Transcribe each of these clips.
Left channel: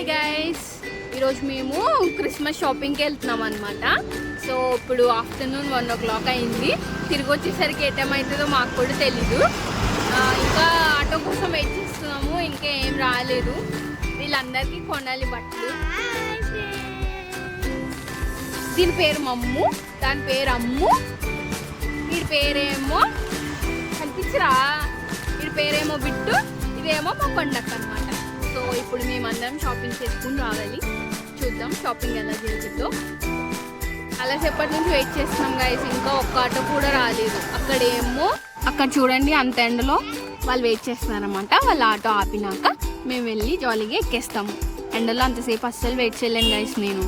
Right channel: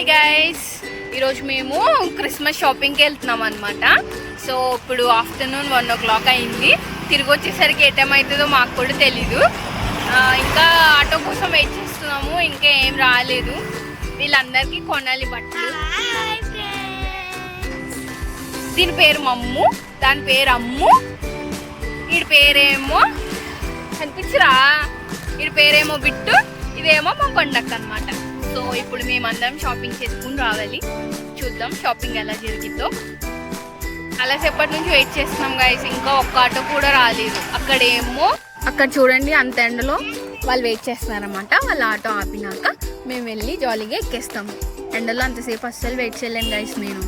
Hi guys, ఈరోజు మేము Christmas షాపింగ్కి వెళ్తున్నాం అనమాట. సో ఇప్పుడు ఆఫ్టర్నూన్ 1 o'clock అయింది. తిరిగి వచ్చేసరికి ఏ టైం అవుతుందో మాకు కూడా తెలీదు. ఇంకా ఆటో కోసం వెయిట్ చేస్తున్నాము, ఇంకా ఏం రాలేదు. వీళ్ళందరికీ కొనాలి బట్టలు. దీని పేరు మమ్ము, దాని పేరు అమ్ము, వీడి పేరేమో కనిపించరా, వీడి పేరేమో బిట్టు, ఇదేమో మా పండక్క అనమాట. సో ఇప్పుడు మేమందరం షాపింగ్ చేసుకుని రావాలి. చూద్దాం షాపింగ్ ఎలా జరిగిందో. అలా సేపటి నుంచి వెయిట్ చేస్తున్నాం గైస్, ఇంకా ఒక్క ఆటో కూడా రాలేదు. అక్కడ చూడండి, అంత ఎండలో వాళ్ళు వెయిట్ చేస్తున్నారన్నమాట. వాళ్ళ ఆటో ఆపినాక మేము వెళ్ళి జాలీగా ఎక్కేస్తాము. ఎండలో అంతసేపు అస్సలు వెయిట్ చేయలేను గైస్ నేను.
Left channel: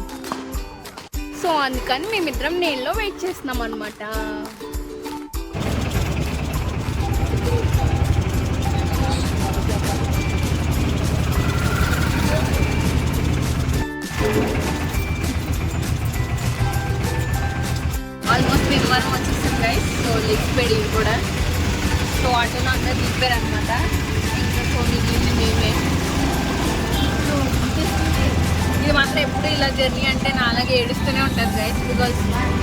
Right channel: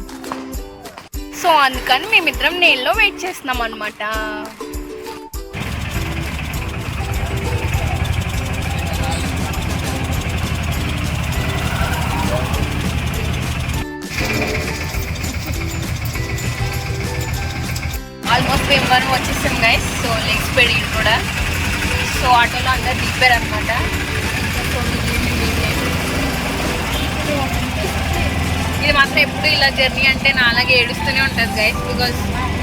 సో అందుకని మేమిద్దరం నేల్లో వెయిట్ చేస్తున్నాం అనమాట. ఆల్మోస్ట్ మేము వరకు వచ్చేసాం గైస్. సో లెగ్స్ పెడి కూడా. సో ఆటోలో అందరు దిగిపోయారు అనమాట. ఇంకా సో మిగిలింది మేమే. ఇది మాత్రం ఎప్పుడు ఇలా జర్నీ అంటే నా అలాగే ఏడుస్తూనే ఉంటుంది గైస్. బికాజ్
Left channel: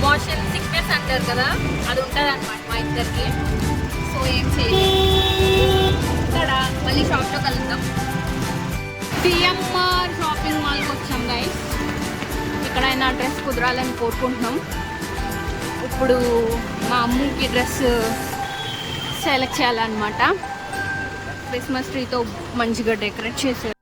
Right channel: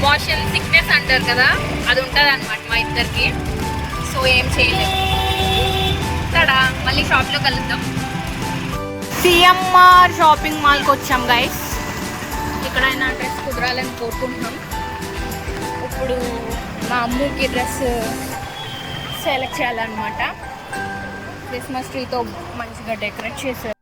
మోషన్ సిక్నెస్ అంటారు కదా, అది ఉంటుంది అనమాట మా ఇద్దరికి. సో ఏం చేయలేదు. ఇక్కడ మళ్ళీ షాప్లో కలుద్దాం. సిఎంఆర్ షాపింగ్ మాల్కి వచ్చాం గైస్. ఎక్కడైనా డ్రెస్ కుదరాలని కోరుకుంటున్నాం. ఇప్పుడు మా అమ్ముకి డ్రెస్ సెలెక్ట్ చేయాలన్నమాట. క్రిస్మస్ ట్రీతో మంచిగా డెకరేట్ చేశారు.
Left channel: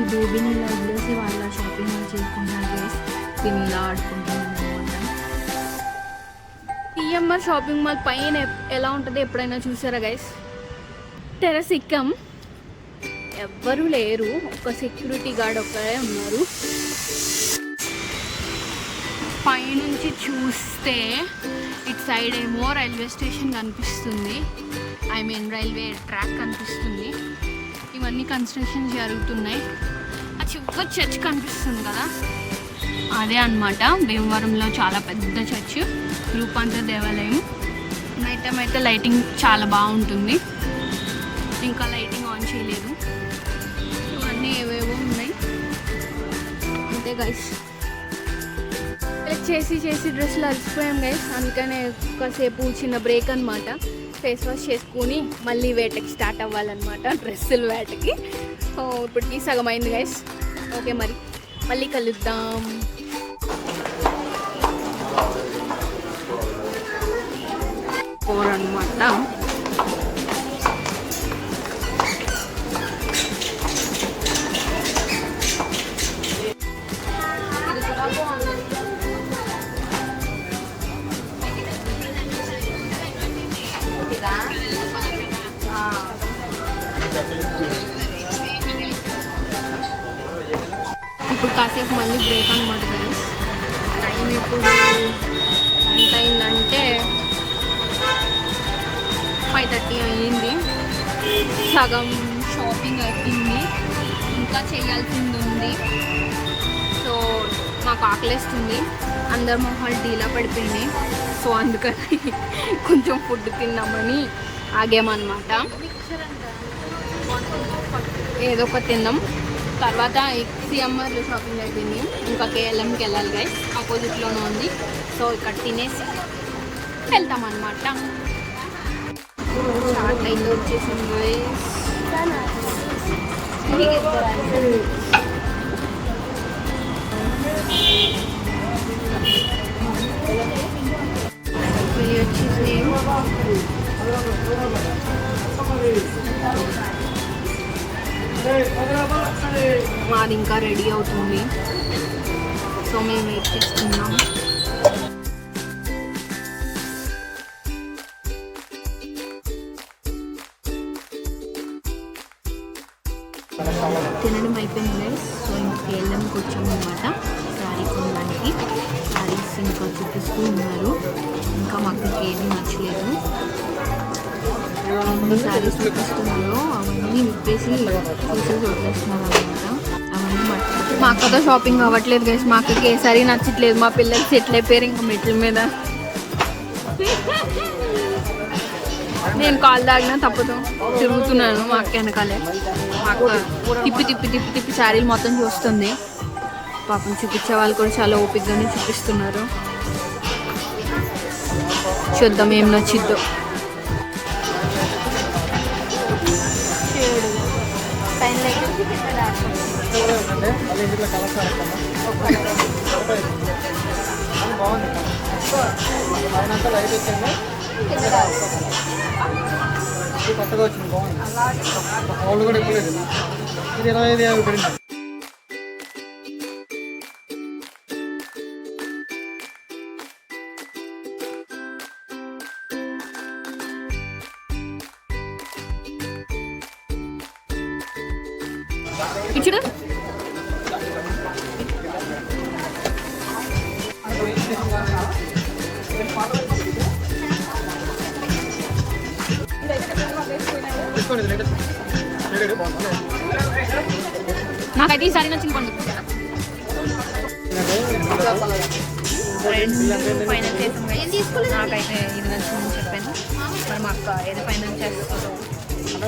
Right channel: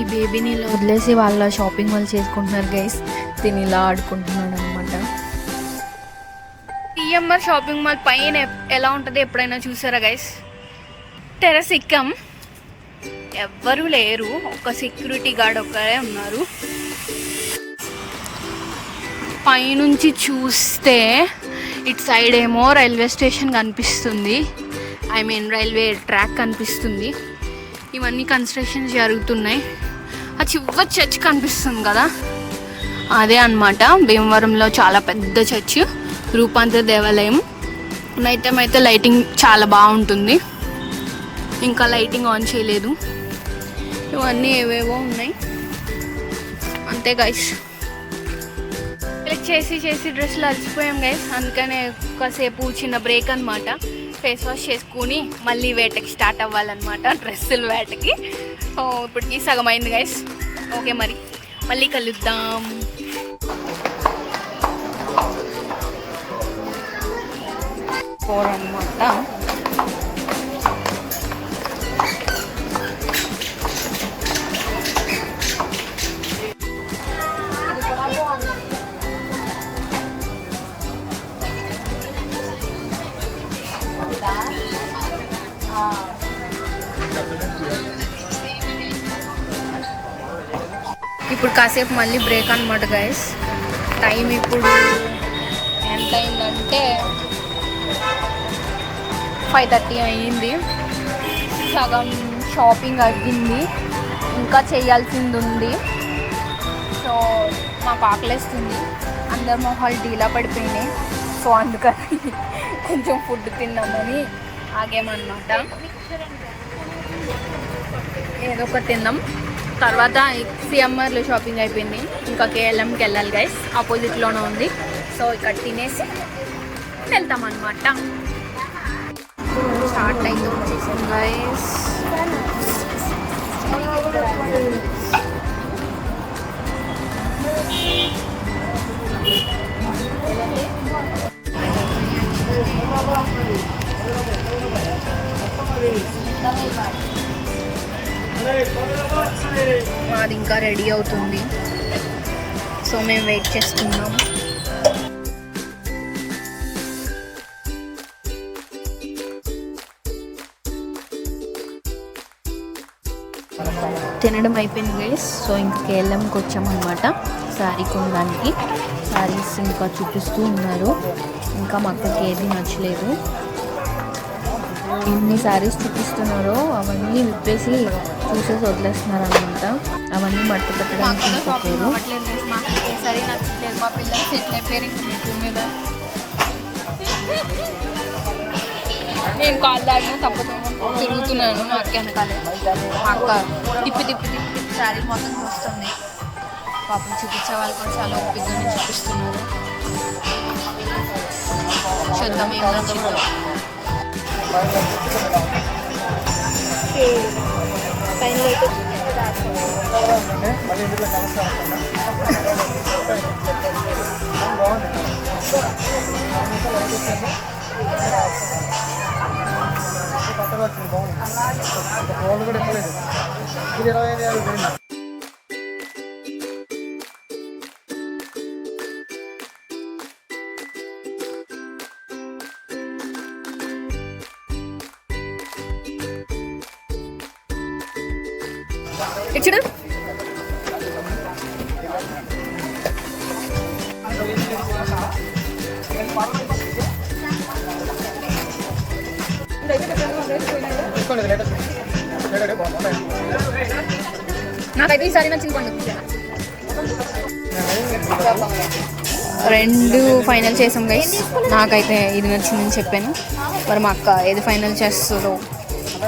ఈ బేబీని ఇలా వదిలేసి వాళ్ళ షాపింగ్ వాళ్ళు చేసుకుంటున్నారు గైస్. దీన్ని ఇలా ఆడుకుంటున్నాడు అనమాట. సిఎంఆర్ షాపింగ్ మాల్ పైన ఎలా ఉంటుందో ఎప్పుడైనా చూసారా గైస్? టెర్రస్ ఎక్కాం, ఎవ్వరూ లేరు, ఒక సెక్యూరిటీ గార్డ్ ఒక్కరే ఉన్నారు. పైనుంచి చూస్తే ఇటు సైడ్ ఏమో రైల్వే స్టేషన్ కనిపిస్తుంది, ఐ మీన్ రైల్వే ట్రాక్ కనిపిస్తుంది. ఇవన్నీ కన్స్ట్రక్షన్స్ జరుగుతున్నాయి. ఆ చివరి చర్చ్ కనిపిస్తుంది కదా, అదే అన్నమాట భీమవరంలో చాలా పెద్ద చర్చ్, రూపాంతర దేవాలయం. నైట్ టైం అయితే లైటింగ్ చాలా బాగుంటుంది. ఇంకా లైటింగ్ ఆన్ చేయలేదు. ఇవన్నీ ఏవేవో ఉన్నాయి అంతే గైస్. చేసి డ్రెస్సులు అలసిపోయాం గైస్. అందుకనే కాసేపు చిన్న బ్రేక్ అనమాట. ఫేస్ వాష్ చేసుకుని మళ్ళీ వేటకి స్టార్ట్ అవ్వాలన్నమాట, డ్రెస్సుల వేటకి. ఇప్పటికి సగం అయింది గైస్. ఓకే, మరి మళ్ళీ కలుద్దాం. అనమాట ఇప్పుడు కాసేపు మళ్ళీ బ్రేక్ అనమాట గైస్. టైం ఇప్పుడు ఎంత అయిందంటే 5:30 అయ్యింది. సగం షాపింగ్ అయిపోయింది, ఇంకా చేయాల్సింది ఉంది. సో మాకు ఆకలిస్తుంది, అందరు మొహాలు డీలా పడిపోయినాయి. సో అందుకని కొంచెం ఫుడ్ తిందామని ఆగామన్నమాట. ఏదో ఒకటి తిందాం. తర్వాత సిఎంఆర్లో షాపింగ్ అయిపోయింది, ఇంకా కేఎల్ఎంకి వెళ్ళాలి గైస్, ఆపోజిట్లోనే ఉంది. సో ఇక్కడ తినేసి వెళ్తామన్నమాట. చాట్ అయితే వచ్చేసింది గైస్. మాది ఇంకా రెడీ అవుతుంది, సో మేము వెయిట్ చేస్తున్నాం. తినడం అయిపోయింది గైస్. సో ఇంకా కేఎల్ఎంకి వచ్చామన్నమాట శారీ కొనడానికి. శారీస్ ఇంకా చూపిస్తూ ఉన్నారు, ఇంకా మా అక్కకి ఏది నచ్చలేదు. ఎన్ని శారీస్ చూపిస్తున్నారో అవన్నీ విప్పేసి చూసేసి వదిలేస్తున్నారు అనమాట. అవన్నీ మట్టి పట్టి మా అక్కతో షాపింగ్ అవ్వట్లేదు గైస్. మా అక్కకి ఏ శారీ నచ్చట్లేదు, మా పిల్లలకి సెటిల్ అయిపోయారు ఇంకా మెట్ల మీద. నేను కాళ్ళు దాడినా తప్పదు తిరుగుతున్నాను మా అక్క వెనకాలే. మా అక్క తిప్పి తిప్పి తిప్పి తిప్పి శారీలు మొత్తం చూస్తుంది. పాపం చూపించే వాళ్ళు కూడా చాలా ఓపికగానే చూపిస్తున్నారు. చూద్దాం ఏం నచ్చిద్దో. ఇచ్చుడు నాకైతే ఈసారి నచ్చింది పండుగ. 2 ఫైనల్ చేసాం గైస్. నాకైతే ఇది నచ్చిందని చెప్పాను. మరి మా అక్క ఏది ఫైనల్ చేస్తుందో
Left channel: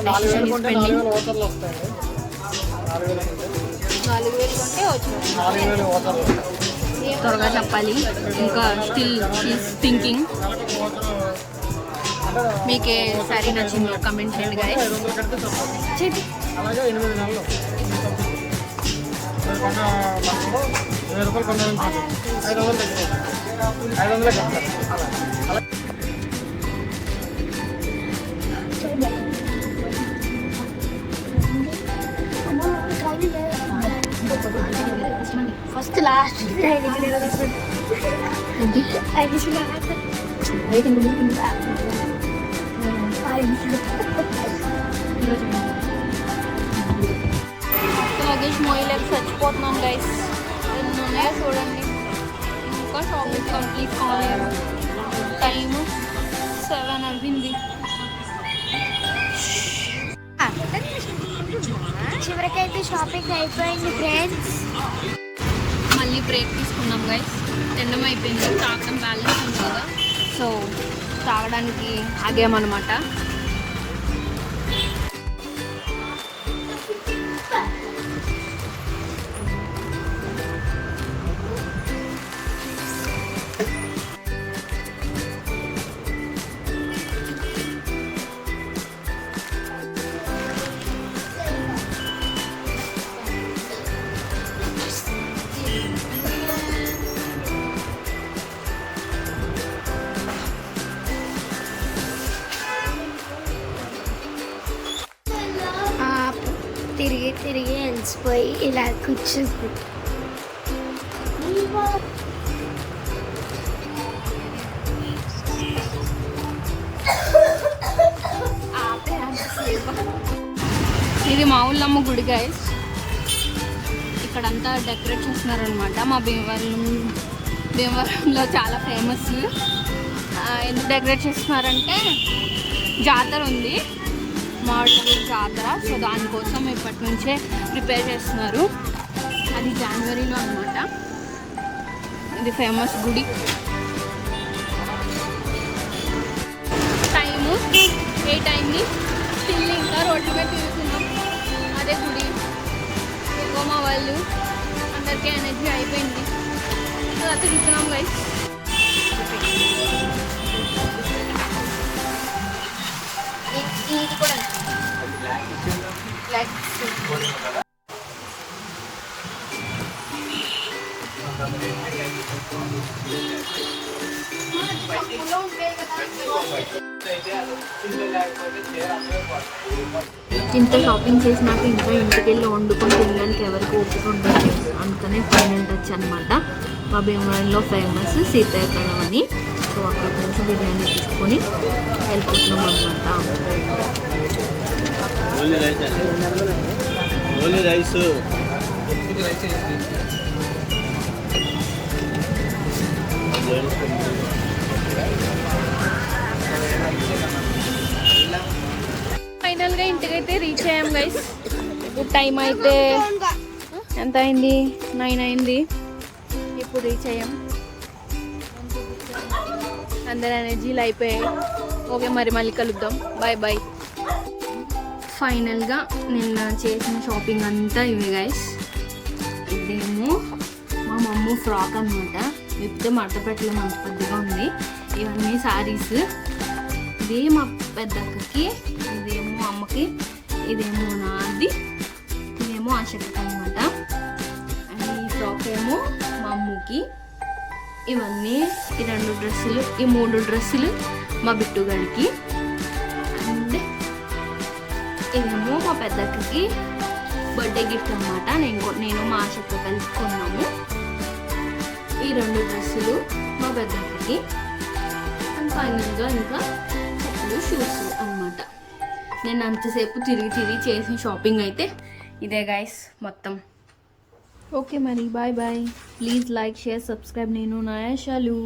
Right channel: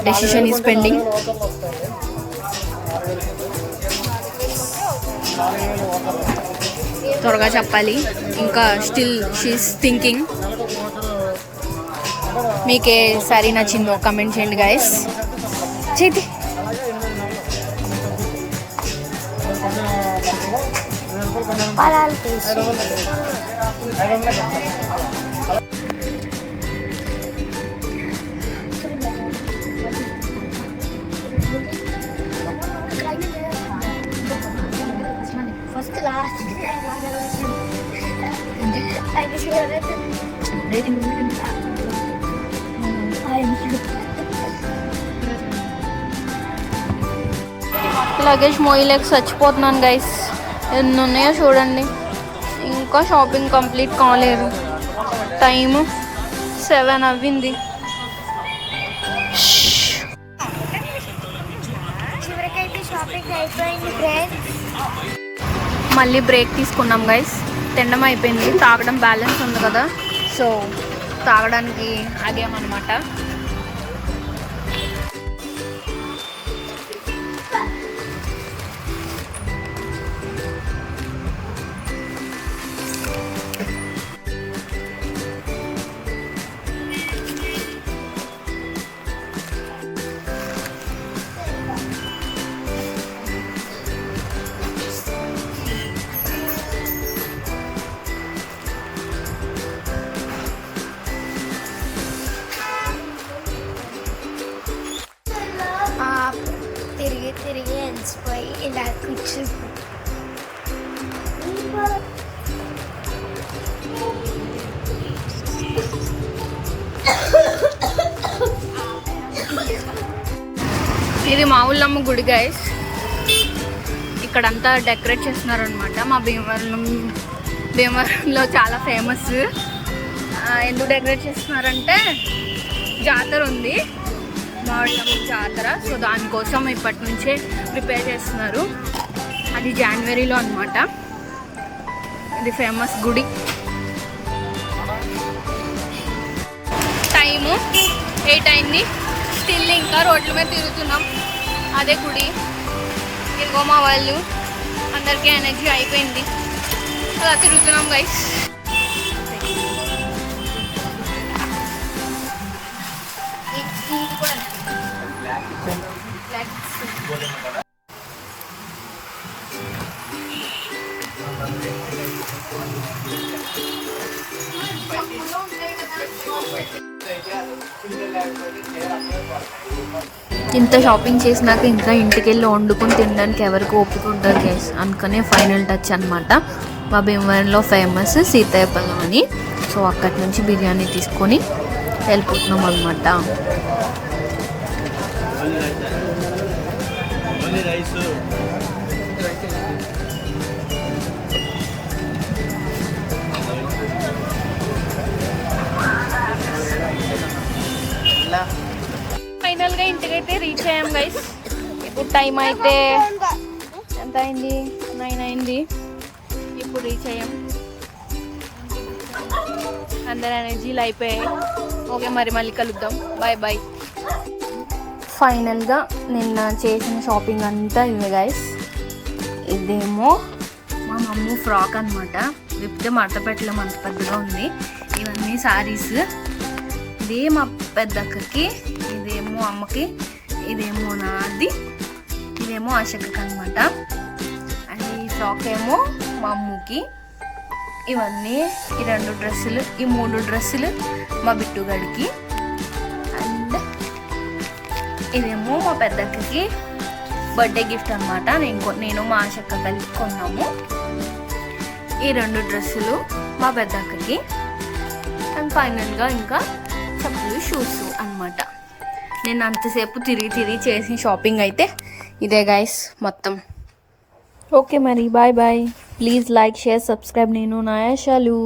డెసిషన్ ఈజ్ పెండింగ్. త్వరగా చెప్పాలి, ఇంకా స్టిల్ షీస్ థింకింగ్. మీకే సారీ నచ్చిందో కమెంట్ చేయండి గైస్. చేతి ఫస్ట్ లాస్ట్ లగేజ్ మోయలేక చచ్చిపోతున్నాను గైస్. ఎన్ని ఉన్నాయో చూడండి. ఇంకా షాపింగ్ కంప్లీట్ కాలేదు, టైము 7 అవ్వింది. చివరికైతే షాపింగ్ అయిపోయింది ఫ్రెండ్స్. మళ్ళీ బ్రేక్ తీసుకున్నాం గైస్. తినడం అయిపోయింది, తాగడం బ్యాలెన్స్ ఉంది కదా, సో తాగడానికి ఆగేమన్నమాట. తిరిగి తిరిగి అలసిపోయి ఇలా కూర్చుంది. ఇది మా ఊళ్ళమ్మ గుడి గైస్. ఇక్కడంతా డెకరేట్ చేస్తున్నారనమాట. మా భీమవరంలో చాలా ఫేమస్. ఎందుకు డెకరేట్ చేస్తున్నారంటే జాతర ఉంది, మామిడి జాతర. సో దానికోసం ఇప్పటి నుంచే ప్రిపేర్ చేస్తున్నారు. అది జనవరిలో అన్నమాట. ఇది ఫేమస్ గుడి. టైము 8 అయింది. స్టిల్ ఇంకా రోడ్ల మీద తిరుగుతున్నాం. అదే గుడి. ఇదిగో మా వాళ్ళు అందరికీ ఎనర్జీ అయిపోయింది, అలా తిరుగుతున్నాం గైస్. ఇంత షాపింగ్ చేసినాక ఇంకా ఇంటికి వెళ్ళి వండుకొని తినడానికి ఎవరికి ఓపిక ఉండదు గైస్. అందుకనే ఫైనల్ టచ్ అనమాట. మా భీమవరంలో ఫేమస్ సీతాయపల్లం అని. సో అక్కడి నుంచి బిర్యానీ తీసుకొని వెళ్ళిపోతున్నాం అనమాట. ఫైనల్గా ఇంటికైతే రీచ్ అయ్యాం గైస్. ఇప్పుడు టైం అయితే ఎంత అయింది? 9 అయింది. ఇప్పుడు రీచ్ అయ్యాం. అందరు ఎనర్జీలు అయిపోయాయి. ఓకే మరి మళ్ళీ కలుద్దాం. Bye bye. ఫైనల్గా నిన్న చేసిన షాపింగ్ అంతా ఇవే గైస్. ఇదేమో మా మమ్మ ఫ్రాక్ అనమాట. విప్తే మడత పెట్టలేము, అంత పెద్దగా ఉంది. ఇవన్నీ శారీస్. ఇదే మా పెద్దక్కకి, ఇదేమో అమ్మకి, ఇదేమో నాది, ఇదేమో ఆశక్కకి అనమాట. అండ్ ఈ ఫ్రాక్ ఏమో మా అమ్మకి. ఇవన్నీ ఈ 2 డ్రెస్సులు, ఈ 3 డ్రెస్సులు మా బిట్టుగడికి. అండ్ ఇదేమో మా పెద్దక్కకి బర్త్డే గిఫ్ట్ అనమాట. నేను మా ఆశక్క కలిసి కొన్నాము. ఈ 2 డ్రెస్సులు మా పెద్దక్కకి. అండ్ ఫైనల్గా ఇంకా చెప్పులు, షూస్ అనమాట. నేను అంతసేపు తిరిగి చేసిన షాపింగ్ అయితే ఇదే గైస్ మొత్తం. ఓకే మరి bye bye. Please like, share, subscribe. నేను నాయాషాలు.